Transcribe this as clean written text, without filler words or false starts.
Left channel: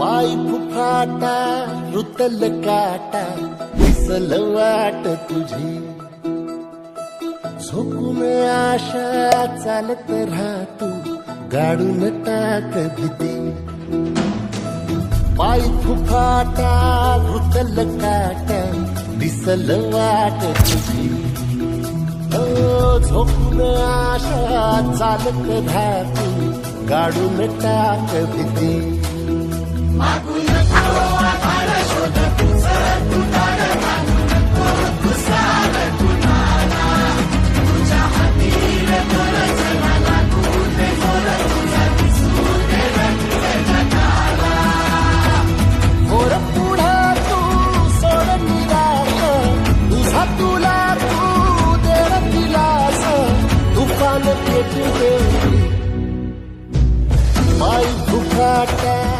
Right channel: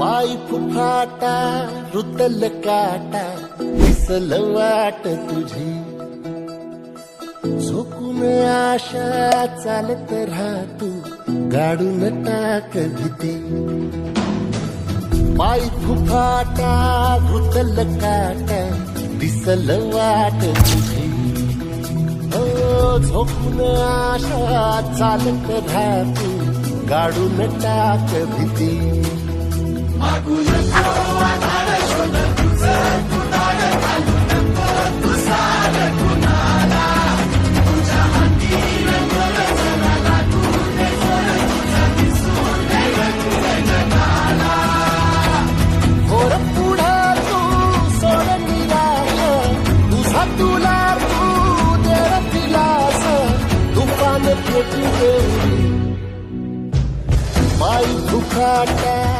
पाय फुफाटा रुतल काटा दिसल वाट तुझी झोकून आशा चालत राहतू गाडून टाक भीती पाय फुफाटा रुतल काटा दिसल वाट तुझी हो झोकून आशा चालत राहतू गाडून टाक भीती होर पुढे तू सोड निराश तुझा तुला तू देर दिलास तुफान पेटू देऊरी पाय फुफाटा